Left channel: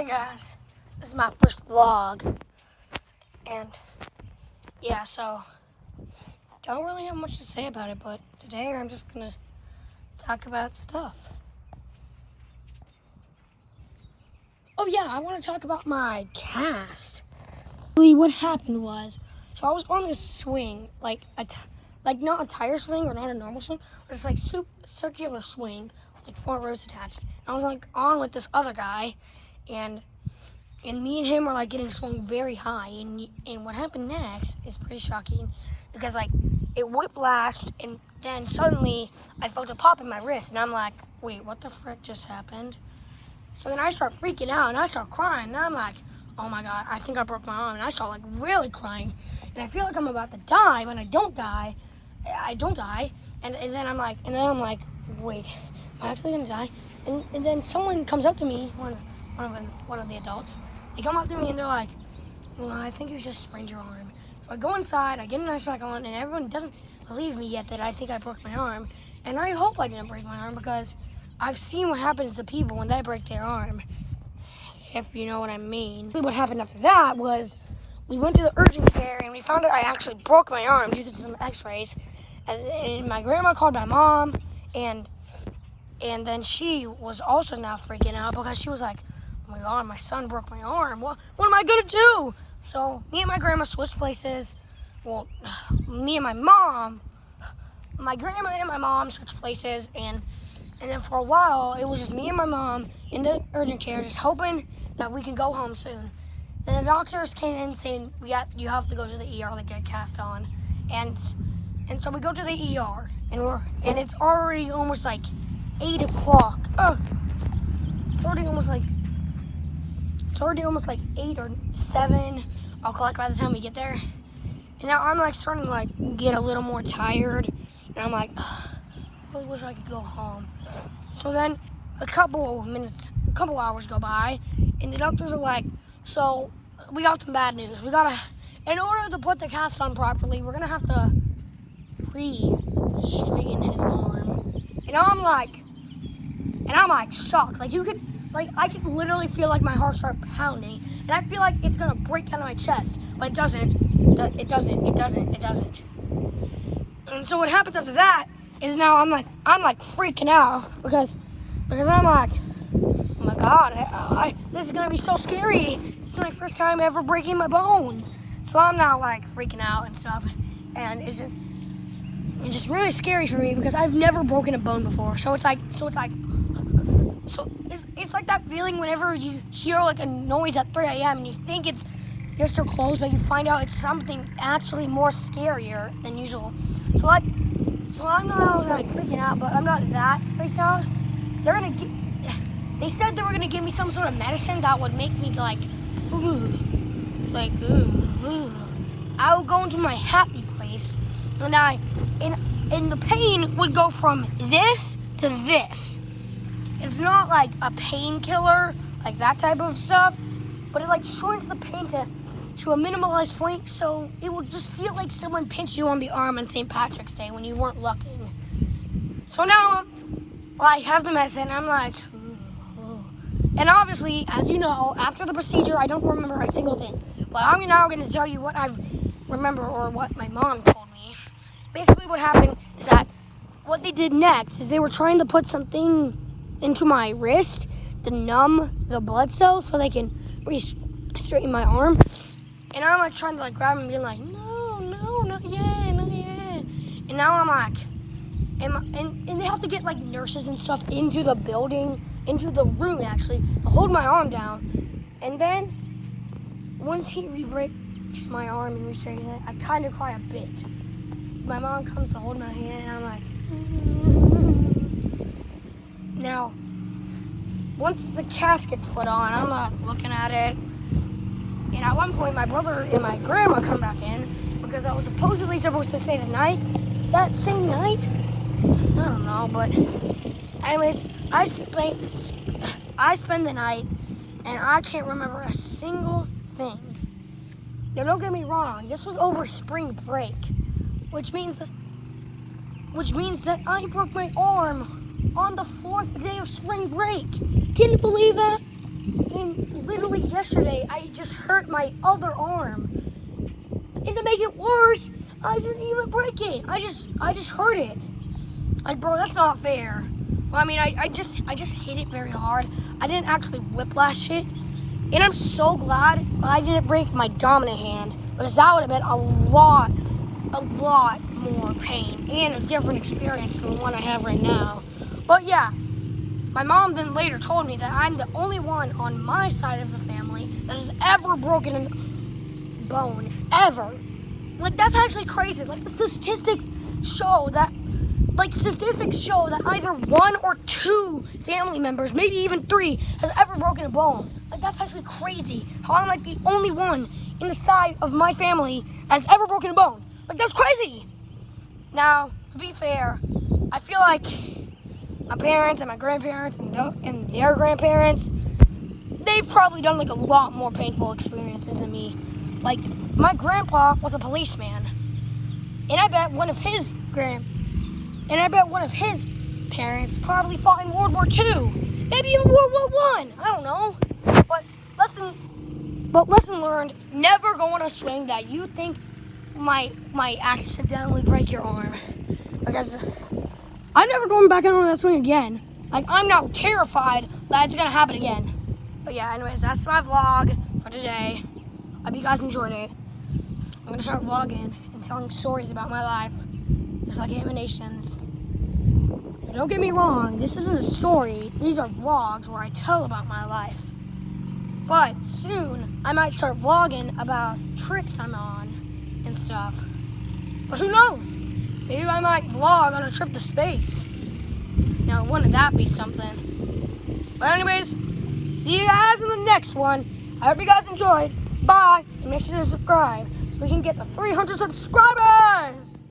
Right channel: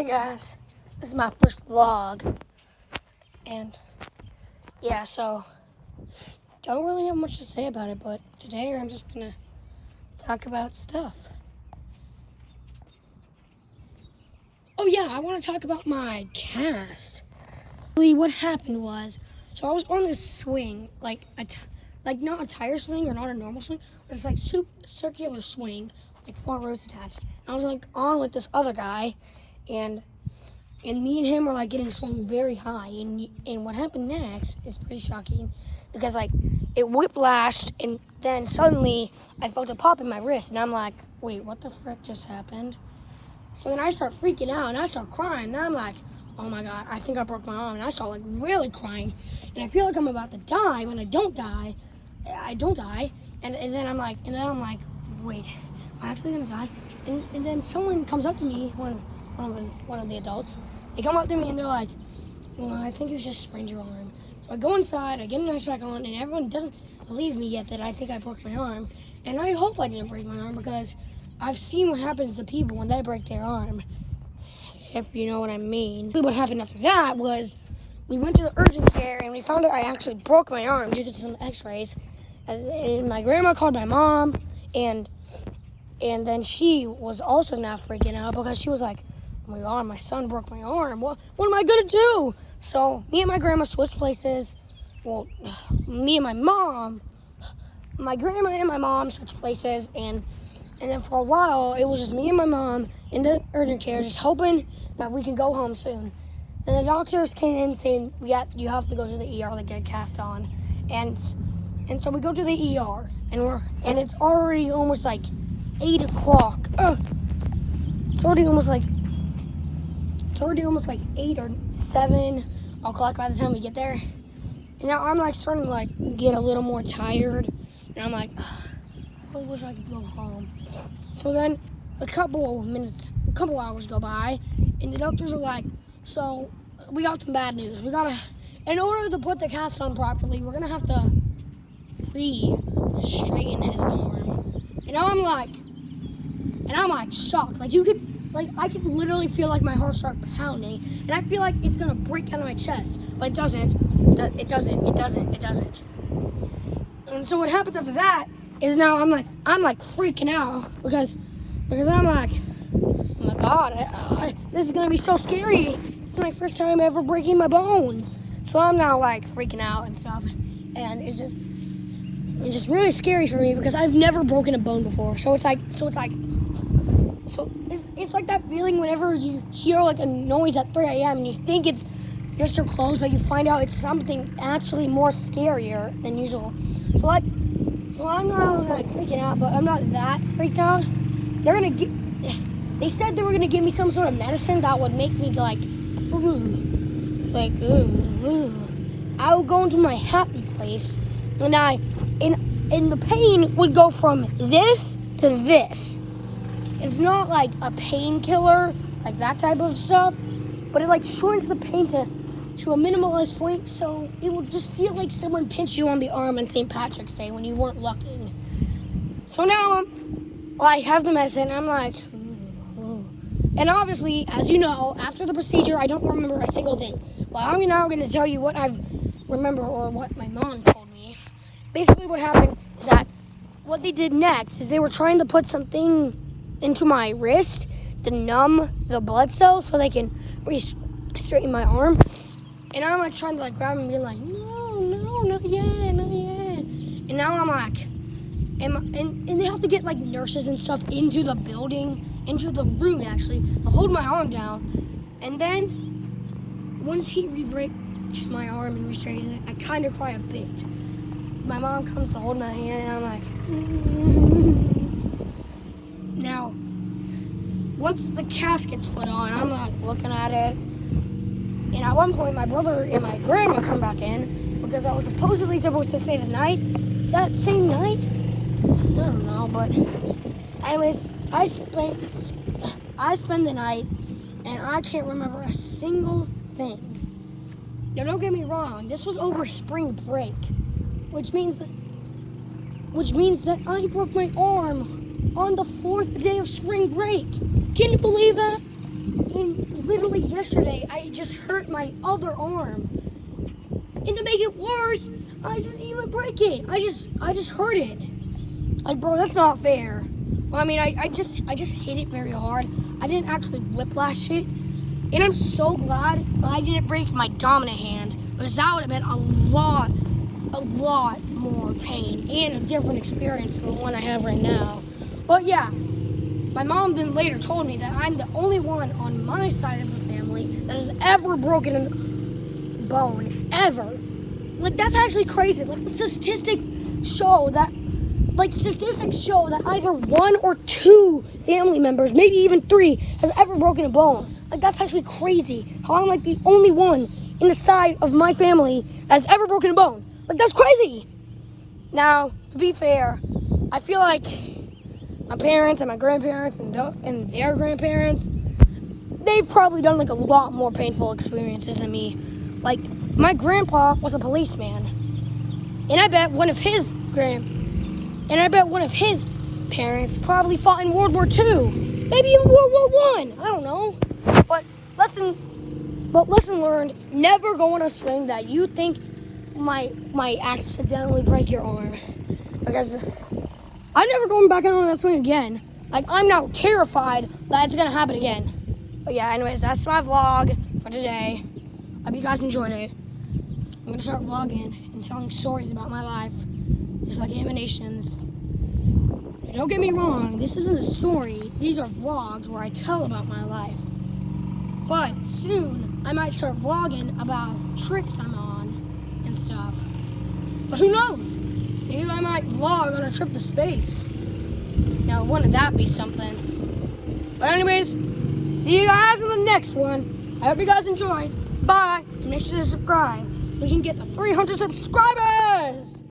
Hey guys, this is my first vlog, and yeah, so don't really have much to say about it, but today I'm just gonna talk about stuff. Oh yeah, I want to talk about my cast. What happened was, so I was on this swing, like not a tire swing or not a normal swing, but it's like circular swing, like 4 rows attached. I was like on with this other guy, and me and him were like getting swung very high, and what happened next is pretty shocking, because like it whiplashed, and then suddenly I felt a pop in my wrist, and I'm like, wait, what the frick just happened? So then I start freaking out, and I start crying, and I'm like, oh my god, I think I broke my arm, and I start like really crying, and I feel like I'm about to die, but I don't die, and then I'm like, wait, am I actually gonna die? And then someone comes up to me, one of the adults. They come up to me and they're like, well, I think you just sprained your arm. So I go inside, I get an ice pack on, and everyone doesn't believe me yet that I think I broke my arm. And I hope I didn't break my arm, because I've seen what happens to people when they break their arm, if you know what I mean. What happened after that was we went to the urgent care, and we found out I actually broke my arm due to some x-rays. And my grandma called my mom, and then she was also now freaking out, because she was like, oh my god, my son broke my arm. What am I gonna do? So me and my grandma switched places. Well, me and my grandma and my mom switched places, and then for a while it was just me and my mom in the urgent care, just hoping that we can go home soon. Then the doctors came in saying, you have to go to the ER to get a cast on, and so we go to the ER, and it's already almost like 8 o'clock. It's already almost like 8 or 7 o'clock by the time we get there. And now I'm like starting to like get a little more tired, and I'm like, I really wish I could go home. So then a couple hours go by, and the doctors are like, so we got some bad news. In order to put the cast on properly, we're gonna have to straighten his arm. And I'm like shocked. I could literally feel like my heart start pounding, and I feel like it's gonna break out of my chest, but it doesn't. It doesn't. And so what happens after that is now I'm like freaking out, because I'm like, oh my god, this is gonna be so scary. This is my first time ever breaking my bones. So I'm now like freaking out and stuff, and it's just really scary for me, because I've never broken a bone before. So it's like that feeling whenever you hear like a noise at 3 a.m. and you think it's just your clothes, but you find out it's something actually more scarier than usual. So I'm not like freaking out, but I'm not that freaked out. They said they were gonna give me some sort of medicine that would make me like, I would go into my happy place, and the pain would go from this to this. It's not like a painkiller, like that type of stuff, but it like shortens the pain to a minimalized point, so it will just feel like someone pinched you on the arm on St. Patrick's Day when you weren't looking. So now, I have the medicine, I'm like, and obviously, as you know, after the procedure, I don't remember a single thing. But I'm now going to tell you what I remember, or what my mom told me. Basically, what happened is that what they did next is they were trying to put something into my wrist to numb the blood cells so they can straighten my arm. And I'm like trying to like grab him and be like, no, not yet. And now I'm like, and they have to get like nurses and stuff into the room actually, to hold my arm down. And then once he re-breaks my arm and restraightens it, I kind of cry a bit. My mom comes to hold my hand, and I'm like, now, once the cast gets put on, I'm like looking at it, and at one point my brother and my grandma come back in, because I was supposedly supposed to stay the night, that same night. I don't know, but anyways, I spend the night, and I can't remember a single thing. Now, don't get me wrong, this was over spring break, which means that I broke my arm on the 4th day of spring break. Can you believe that? And literally yesterday, I just hurt my other arm. And to make it worse, I didn't even break it. I just hurt it. Like, bro, that's not fair. Well, I mean, I just hit it very hard. I didn't actually whiplash it. And I'm so glad I didn't break my dominant hand, because that would have been a lot more pain and a different experience than the one I have right now. But yeah, my mom then later told me that I'm the only one on my side of the family that has ever broken a bone, ever. Like, that's actually crazy. Like, the statistics show that either one or two family members, maybe even three, has ever broken a bone. Like, that's actually crazy. How I'm like the only one in the side of my family that has ever broken a bone. Like, that's crazy. Now, to be fair, I feel like my parents and my grandparents and their grandparents, they've probably done like a lot more painful experiences than me. Like, my grandpa was a policeman, and I bet one of his parents probably fought in World War II, maybe even World War I. I don't know. But lesson learned: never go on a swing that you think might accidentally break your arm, because I'm never going back on that swing again. Like, I'm now terrified that it's gonna happen again. But yeah, anyways, that's my vlog for today. I hope you guys enjoyed it. I'm gonna start vlogging and telling stories about my life, just like Animations. Don't get me wrong, this isn't a story. These are vlogs where I tell about my life. But soon, I might start vlogging about trips I'm on and stuff. But who knows? Maybe I might vlog on a trip to space. Now, wouldn't that be something? But anyways, see you guys in the next one. I hope you guys enjoyed. Bye. And make sure to subscribe so we can get to 300 subscribers.